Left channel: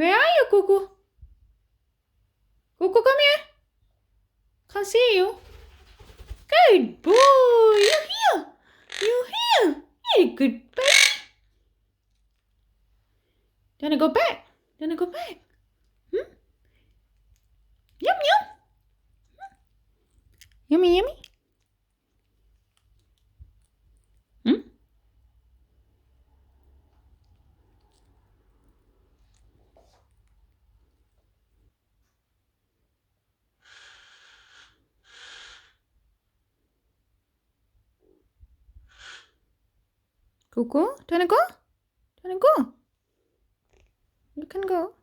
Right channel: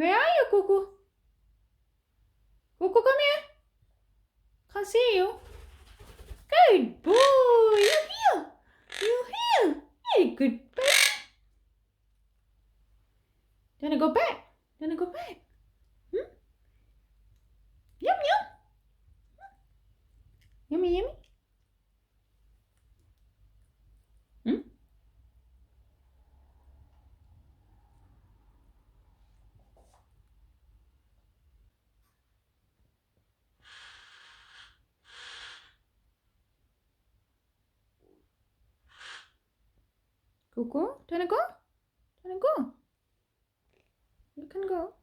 Where are you, Cuckoo? Cuckoo, come here. Can't see you. Good boy. You're here. You're here. You're a good baby. Do you want to go back? Do you want to go back? Hmm? Yum, yum. Yummy, yummy. Hmm? Cuckoo, do you want to go? Do you want to go? You can go.